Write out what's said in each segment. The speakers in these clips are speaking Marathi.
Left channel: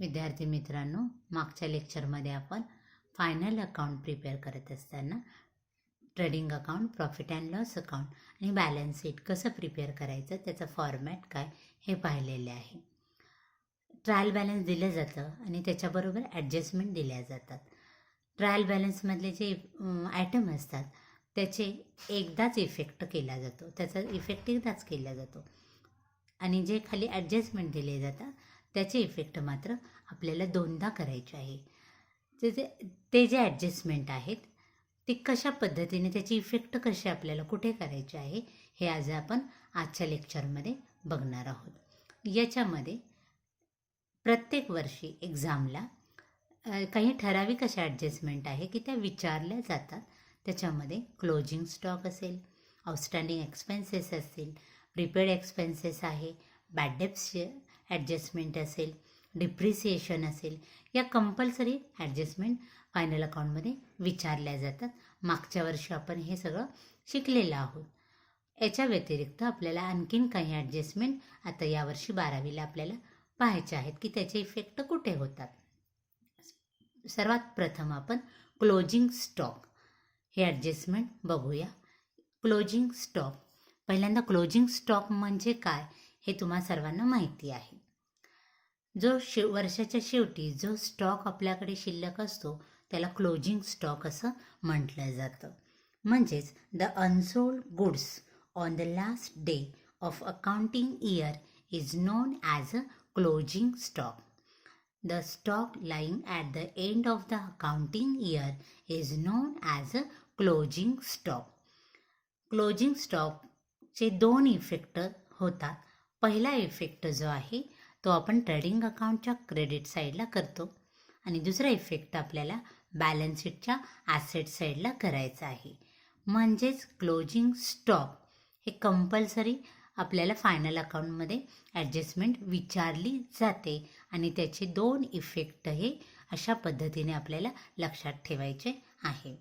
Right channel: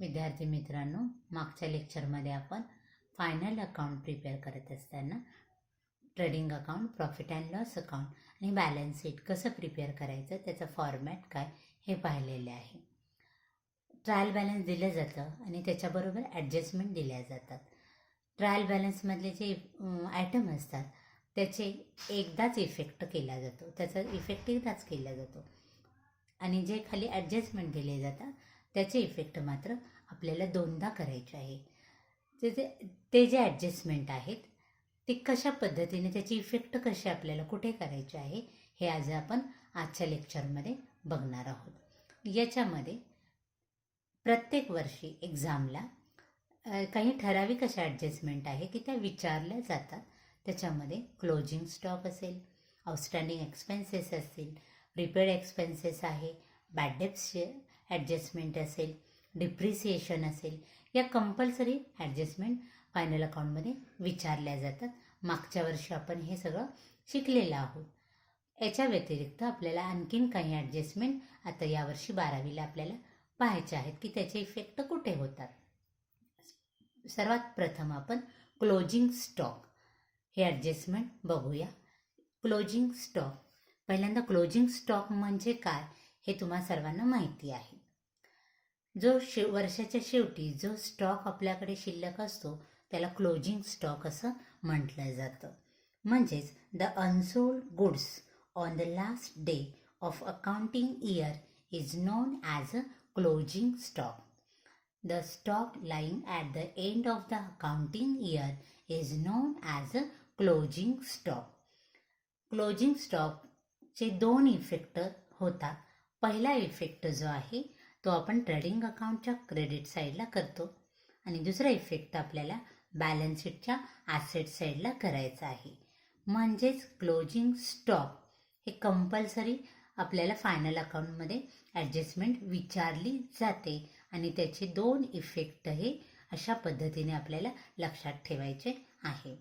विद्यार्थी मित्रांनो, मागच्या लेक्चरमध्ये आपण फायनल अकाउंट प्रिपेअर करत असताना trading account, profit and loss account आणि बॅलन्स शीट कसं प्रिपेअर करायचं, त्याचं फॉर्मॅट काय हे पाहिलेले आहे. ट्रायल बॅलन्स दिलं जातं आणि त्याच्याबरोबर ॲडजस्टमेंट दिल्या जातात. ट्रायल बॅलन्समधले जे आयटम असतात त्याचे एकदाच इफेक्ट केला जातो, त्याचा इफेक्ट एकदाच केला जातो आणि जे खाली ॲडजस्टमेंट दिले जातात त्याचे इफेक्ट मात्र आपल्याला दोनदा करायचे आहे. ते जे ॲडजस्टमेंट आहेत ते कशा पद्धतीने, त्याची इफेक्ट कशी आपल्याला कुठे करायचे आहे हे आज आपण आजच्या लेक्चरमध्ये बघणार आहोत. याच्यामध्ये प्रत्येक वर्षी एक्झामला काही ठराविक अशा ॲडजस्टमेंट आहे की त्या विचारल्या जातात. त्याच्यामध्ये क्लोजिंग स्टॉक असेल, आउटस्टँडिंग एक्सपेन्सेस असतील, प्रीपेड एक्सपेन्सेस आहे, बॅड डेब्ट्स ॲडजस्टमेंट असेल, डिप्रिसिएशन असेल, या कंपल्सरी ॲडजस्टमेंट फायनल अकाउंटमध्ये विचारल्या जातात. मागच्या वर्षी आपण हे सगळं शिकलेलं आहोत. याच्या व्यतिरिक्त आपल्याला आणखीन काही ॲडजस्टमेंट आता यावर्षी 12वीला आपल्याला पाहायचे आहेत की त्याचे इफेक्ट कुठे होतात. सर्वात प्रथम आपण क्लोजिंग स्टॉक हे ॲडजस्टमेंट बघूया. क्लोजिंग स्टॉक, पहिल्यांदा क्लोजिंग स्टॉक म्हणजे काय हे तुम्हा सर्वांना माहिती आहे. जो वर्षाच्या शेवटी जो स्टॉक आपल्याकडे शिल्लक असतो त्याला क्लोजिंग स्टॉक असं म्हटलं जातं. म्हणजेच the unsold goods on the last day of accounting year is non as a closing stock. The stock lying at the end of the accounting year is known as a closing stock. Closing स्टॉकचे दोन इफेक्ट होतात. पहिला इफेक्ट जो आहे तो आपण ट्रेडिंग अकाउंटच्या क्रेडिट साईडला करतो आणि दुसरा इफेक्ट आपल्याला बॅलन्स शीटच्या ॲसेट साईडला करायचा आहे. म्हणजेच क्लोजिंग स्टॉक हे कंपल्सरी आपल्याला फायनल अकाउंटमध्ये ॲडजस्टमेंट विचारली जाते आणि त्याचे दोन इफेक्ट हे अशा पद्धतीने आपल्याला लक्षात ठेवायचे आहे.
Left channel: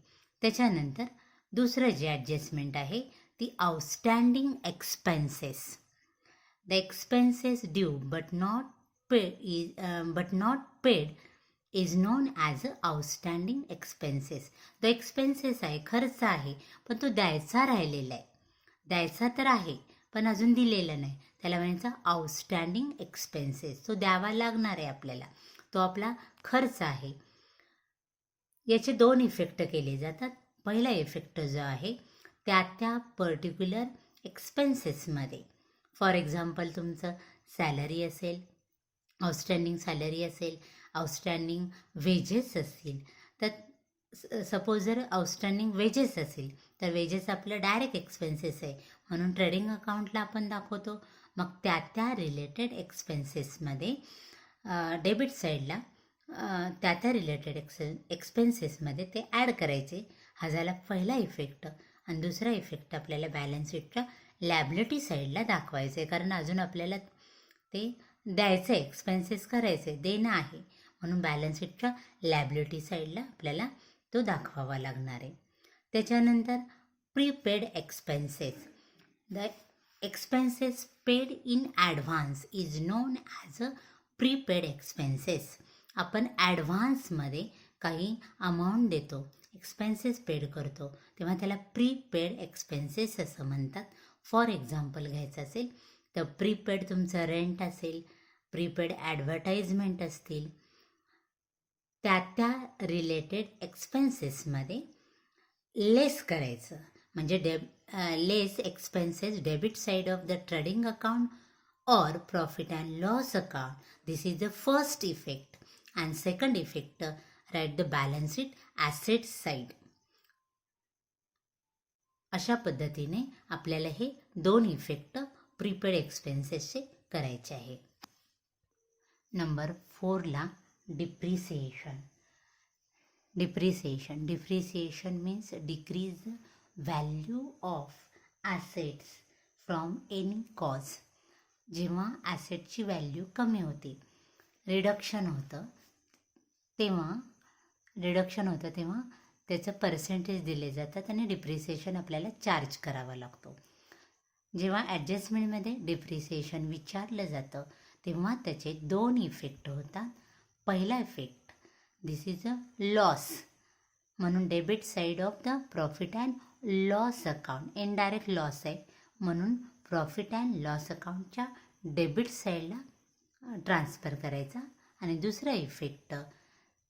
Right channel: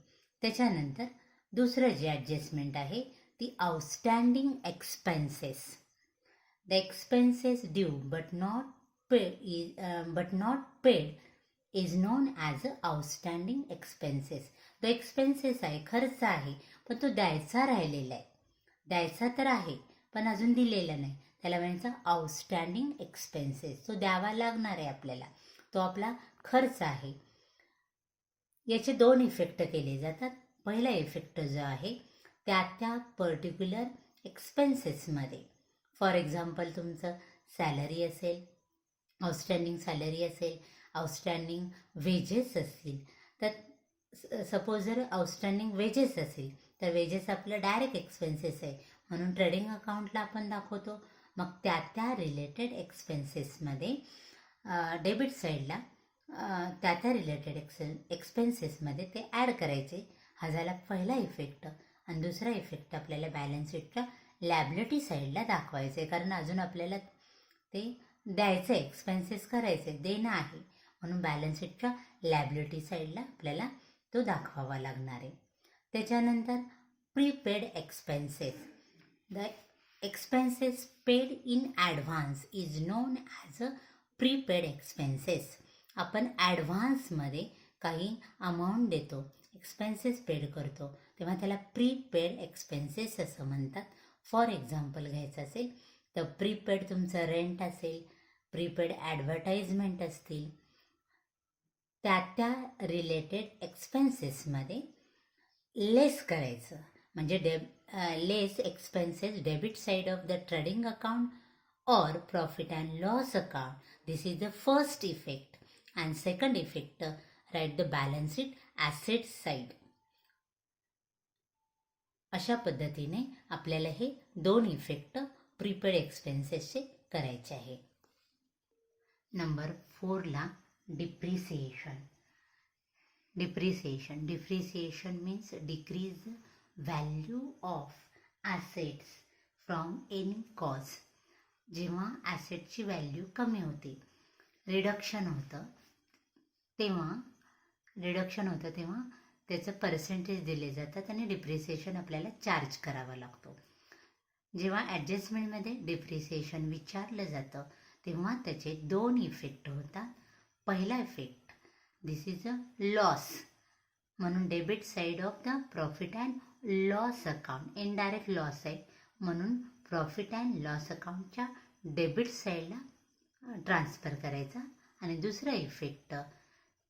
त्याच्यानंतर दुसरं जे ॲडजस्टमेंट आहे ती outstanding expenses. The expenses due but not paid is non as a outstanding expenses. तो एक्सपेन्सेस आहे, खर्च आहे, पण तो द्यायचा राहिलेला आहे. द्यायचा तर आहे पण अजून दिलेला नाही, त्याला म्हणायचं आउटस्टँडिंग एक्सपेन्सेस. तो द्यावा लागणार आहे आपल्याला, तो आपला खर्च आहे. याचे दोन इफेक्ट केले जातात. पहिला इफेक्ट जो आहे त्या पर्टिक्युलर एक्सपेन्सेसमध्ये, फॉर एक्झाम्पल तुमचं सॅलरी असेल, आउटस्टँडिंग सॅलरी असेल, आउटस्टँडिंग वेजेस असतील, तर सपोज जर आउटस्टँडिंग वेजेस असेल तर वेजेस आपलं डायरेक्ट एक्सपेन्सेस आहे म्हणून ट्रेडिंग अकाउंटला आपण दाखवतो. मग त्या रिलेटेड एक्सपेन्सेसमध्ये डेबिट साईडला त्या रिलेटेड एक्सपेन्सेसमध्ये ते ॲड करायचे. हा झाला पहिला इफेक्ट. आणि दुसरा इफेक्ट आपल्याला बॅलन्स शीटच्या लॅबिलिटी साईडला दाखवायचे, कारण अजून आपल्याला ते द्यायचं आहे, एक्सपेन्सेस करायचे, देणं आहे, म्हणून बॅलन्स शीटच्या लॅबिलिटी साईडला आपल्याला तो दाखवावा लागणार आहे. त्याच्यानंतर prepaid expenses. The expenses paid in advance is non as a prepaid expenses. आपण ॲडव्हान्समध्ये काही अमाऊंट देतो, एक्सपेन्सेस पेड करतो, तेव्हा त्याला प्रीपेड एक्सपेन्सेस असं म्हणतात. फॉर एक्झाम्पल घ्यायचं असेल तर प्रीपेड तुमचं रेंट असेल, प्रीपेड ॲडव्हर्टाइजमेंट असतील, त्या रिलेटेड एक्सपेन्सेसमध्ये लेस करायचं. म्हणजे less expenses debit side of the trading account or profit and loss account. This is the first effect. And second effect, write the balance sheet asset side. अशा पद्धतीने आपल्याला हे दोन इफेक्ट प्रीपेड एक्सपेन्सेसचे करायचे आहे. नंबर 4ला depreciation. Depreciation means decrease value of assets from any cause. जेव्हा ॲसेटची व्हॅल्यू कमी होते, रिडक्शन होतं तेव्हा त्याचं पर्सेंटेज दिले जातात आणि डिप्रिसिएशन आपल्याला चार्ज करावा लागतो. जेव्हा ॲडजस्टमेंटमध्ये डिप्रिसिएशन विचारलं जातं तेव्हा त्याचे दोन इफेक्ट होतात. पहिला effect, this is a loss, म्हणून debit side of the profit and loss account, indirect loss आहे म्हणून प्रॉफिट अँड लॉस अकाउंटच्या डेबिट साईडला ट्रान्सफर करायचा. आणि दुसरा इफेक्ट,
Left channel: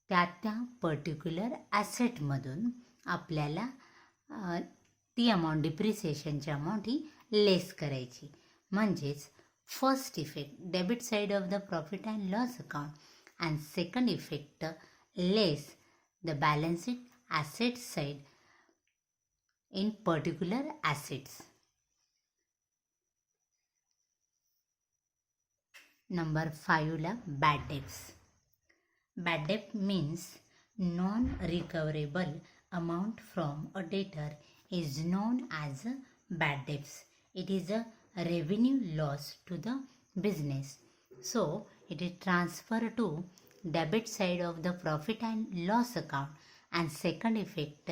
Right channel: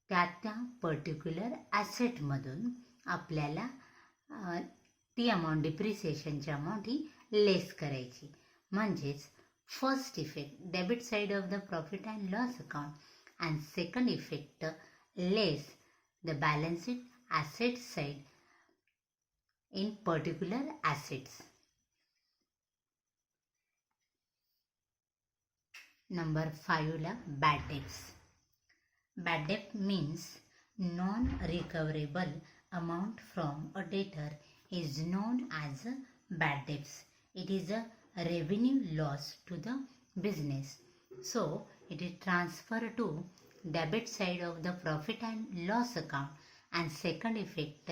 त्या पर्टिक्युलर ॲसेटमधून आपल्याला ती अमाऊंट, डिप्रिसिएशनची अमाऊंट ही लेस करायची. म्हणजेच first effect, debit side of the profit and loss account, and second effect, less the balance sheet asset side in particular assets. Number 5 ला bad debts. Bad debt means non-recoverable amount from a debtor is known as bad debts. It is a revenue loss to the business. So it is transferred to debit side of the profit and loss account, and second effect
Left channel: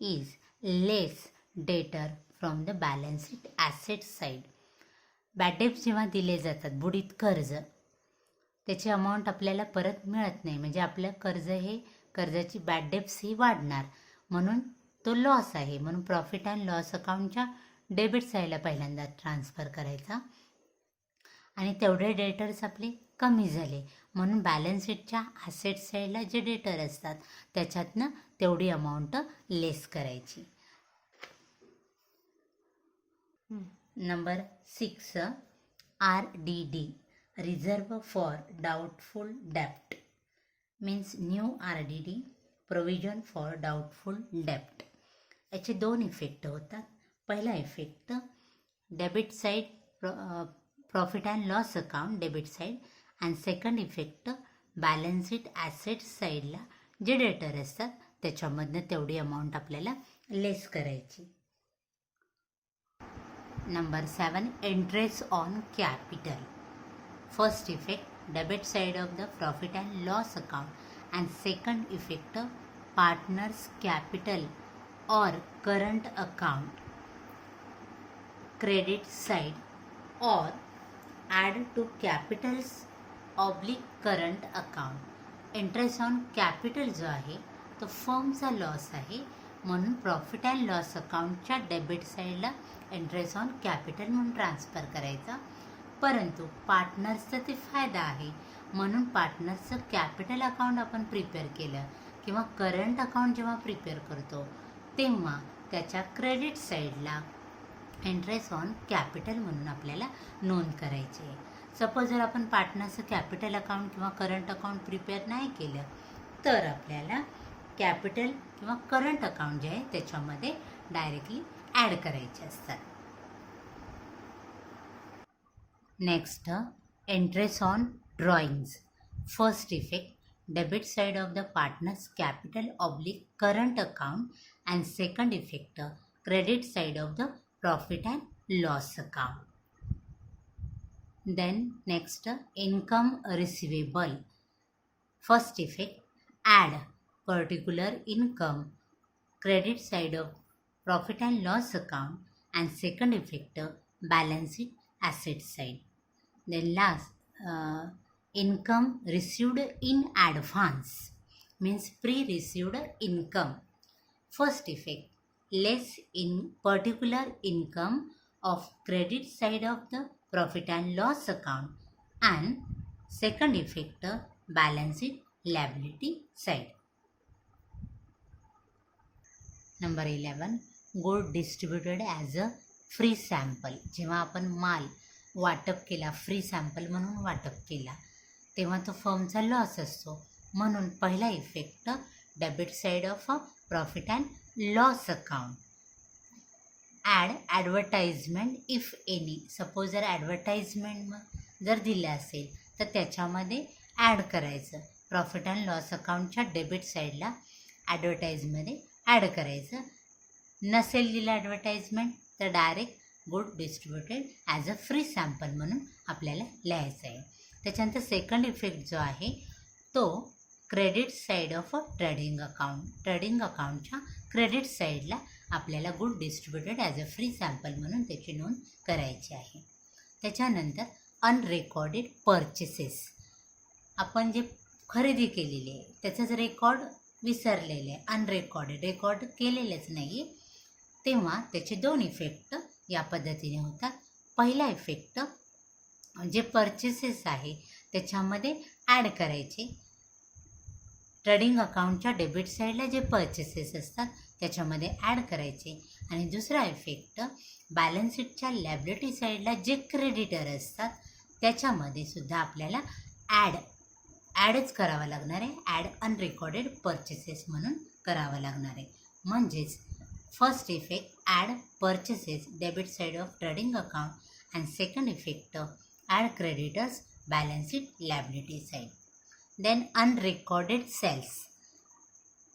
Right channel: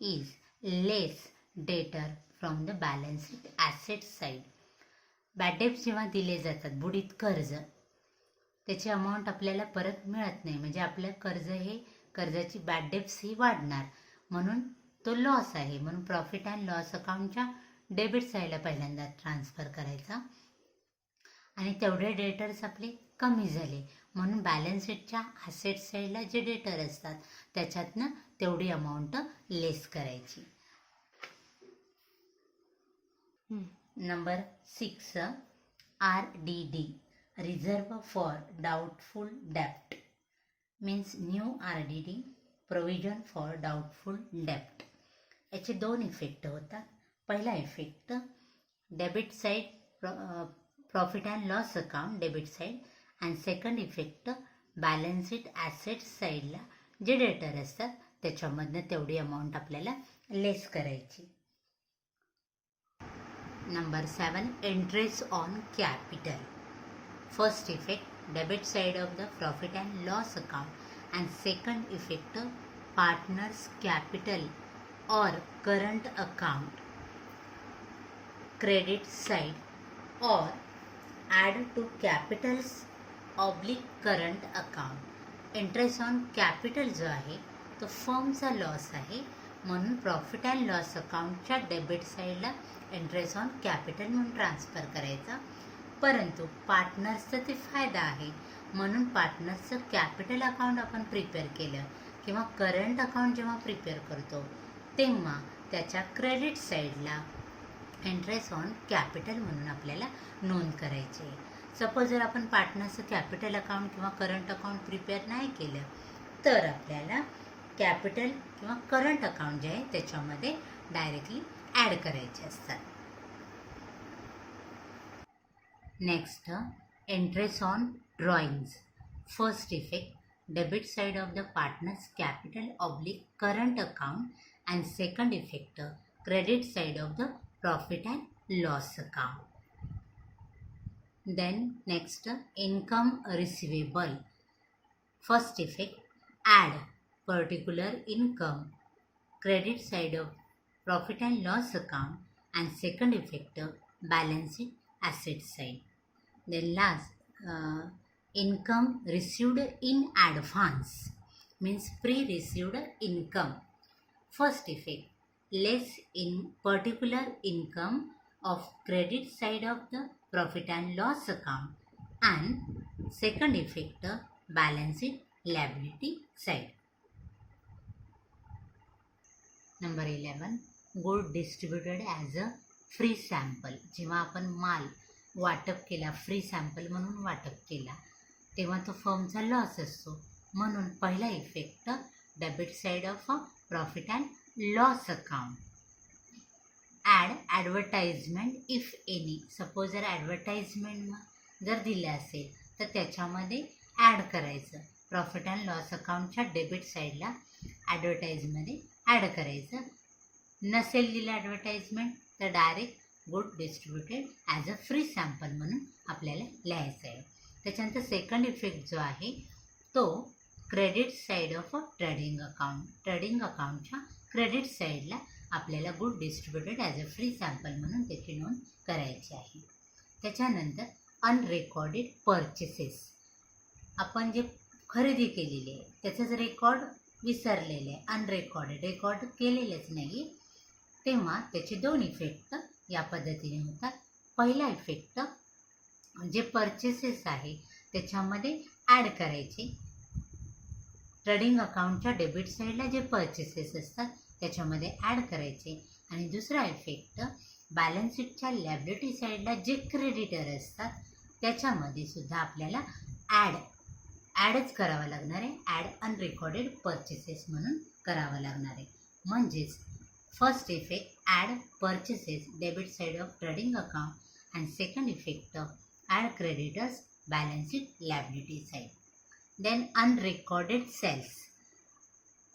is less debtor from the balance sheet asset side. Bad डेब्ट जेव्हा दिले जातात, बुडीत कर्ज, त्याची अमाऊंट आपल्याला परत मिळत नाही, म्हणजे आपलं कर्ज हे, कर्जाची बॅड डेब्ट्स ही वाढणार, म्हणून तो लॉस आहे. म्हणून प्रॉफिट अँड लॉस अकाउंटच्या डेबिट साईडला पहिल्यांदा ट्रान्सफर करायचा. आणि तेवढे डेटर्स आपले कमी झाले म्हणून बॅलन्स शीटच्या ॲसेट साईडला जे डेटर असतात त्याच्यातनं तेवढी अमाऊंट लेस करायची. Number 6, RDD, reserve for doubtful डेप्ट, means new RDD, provision for doubtful डेप्ट. याचे 2 इफेक्ट होतात. पहिला effect, debit side profit and loss account debit side, and second effect, balance sheet asset साईडला जे डेटर असतात त्याच्यामधनं तेवढी अमाऊंट आपल्याला लेस करायची. Number 7, interest on capital. First effect, debit side of the profit and loss account, and second effect, partner's capital or current account, credit side or add to capital's oblique current account. Interest on capital जो आहे तो फर्मचा लॉस आहे म्हणून प्रॉफिट अँड लॉस अकाउंटच्या डेबिट साईडला इंटरेस्ट ऑन कॅपिटल म्हणून ट्रान्सफर करायचा. परंतु पार्टनर्सचा ते फायदा आहे म्हणून पार्टनर्सचं कॅपिटल अकाउंट आपण प्रिपेअर केलं किंवा करंट अकाउंट जेव्हा प्रिपेअर करतो तेव्हा त्याच्या क्रेडिट साईडला इंटरेस्ट ऑन कॅपिटल म्हणून आपल्याला नोंद करायची आहे. सपोज जर आपण पार्टनरचं कॅपिटल अकाउंट किंवा करंट अकाउंट प्रिपेअर नाही केलं तर आपल्याला कॅपिटल किंवा करंट अकाउंट जे आहे त्याच्यामध्ये डायरेक्टली ॲड करायचे असतात. Next, interest on drawings. First effect, debit side of the partners capital oblique current account, and second effect, credit side of the profit and loss account. Then next, income receivable. First effect, add particular income, credit side of profit and loss account, and second effect, balance sheet asset side. Then last, income received in advance, means pre-received income. First effect, less in particular income of credit side of the profit and loss account, and second effect, balance sheet liability side. Number 11, good distributed as a free sample. जेव्हा आपण माल वाटप केला, फ्री सॅम्पल म्हणून वाटप केला तेव्हा तो फर्मचा लॉस असतो म्हणून पहिला effect, debit side of profit and loss account. Add advertisement if any. Suppose जर ॲडव्हर्टाइजमेंट जर दिलं असेल तर त्याच्यामध्ये ॲड करायचं. प्रॉफिट अँड लॉस अकाउंटच्या डेबिट साईडला ॲडव्हर्टाइजमध्ये ॲड करायचं. नसेल दिलं ॲडव्हर्टाइजमेंट तर direct good distributed as a free sample म्हणून आपल्याला लिहायचं आहे. त्याच्यानंतर सेकंड इफेक्ट जो आहे तो credit side of trading account. Trading अकाउंटच्या क्रेडिट साईडला आपल्याला good distributed as a free sample म्हणून त्याची नोंद करायची आहे. त्याच्यानंतर अनरेकॉर्डेड पर्चेसेस. आपण जे खरेदी केलेली आहे त्याचाच रेकॉर्ड विसरलेले आहे, अनरेकॉर्डेड, रेकॉर्ड केलेलेच नाही, तेव्हा त्याचे दोन इफेक्ट या पद्धतीने होतात. पहिला इफेक्ट जे परचेसेस आहे त्याच्यामध्ये ॲड करायचे. ट्रेडिंग अकाउंटच्या डेबिट साईडला जे परचेसेस असतात त्याच्यामध्ये ॲड करायचे. आणि दुसरा इफेक्ट बॅलन्स शीटच्या लायबिलिटी साईडला जे क्रेडिटर असतात त्याच्यामध्ये सुद्धा आपल्याला ॲडच करावा लागणार आहे. ॲड अनरेकॉर्डेड परचेसेस म्हणून करावा लागणार आहे. म्हणजेच first effect add purchases debit side of trading account and second effect add creditors balance sheet liability side. Then unrecorded sales,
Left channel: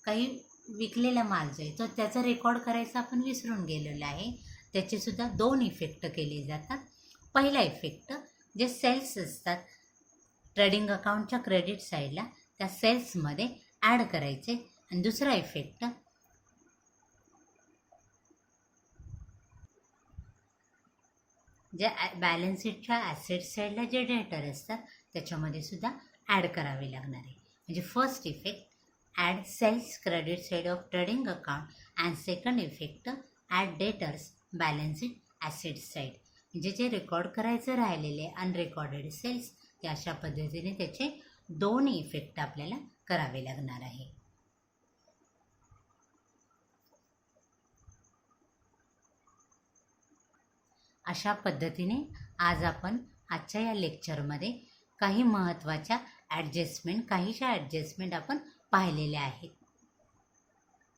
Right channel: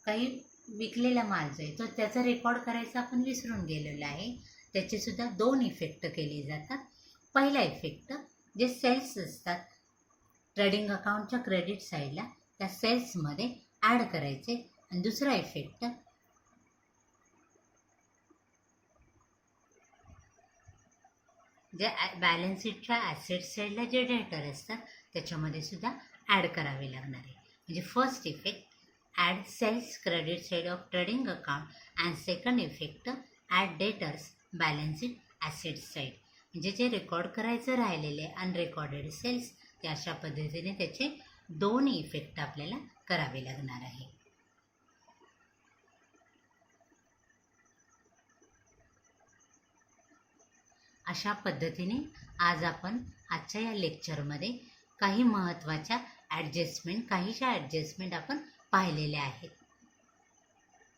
काही विकलेला माल जो आहे तो त्याचा रेकॉर्ड करायचा आपण विसरून गेलेलो आहे, त्याचेसुद्धा दोन इफेक्ट केले जातात. पहिला इफेक्ट जे सेल्स असतात ट्रेडिंग अकाउंटच्या क्रेडिट साईडला त्या सेल्समध्ये ॲड करायचे. आणि दुसरा इफेक्ट जे बॅलन्स शीटच्या ॲसेट साईडला जे डेटर असतात त्याच्यामध्ये सुद्धा ॲड करावे लागणार आहे. म्हणजे first effect add sales credit side of trading account and second effect add debtors balance sheet asset side. म्हणजे जे रेकॉर्ड करायचं राहिलेले अनरेकॉर्डेड सेल्स ते अशा पद्धतीने त्याचे दोन इफेक्ट आपल्याला करावे लागणार आहे. अशा पद्धतीने आज आपण आजच्या या लेक्चरमध्ये काही महत्त्वाच्या ॲडजस्टमेंट, काहीशा ॲडजस्टमेंट आपण पाहिलेल्या आहेत.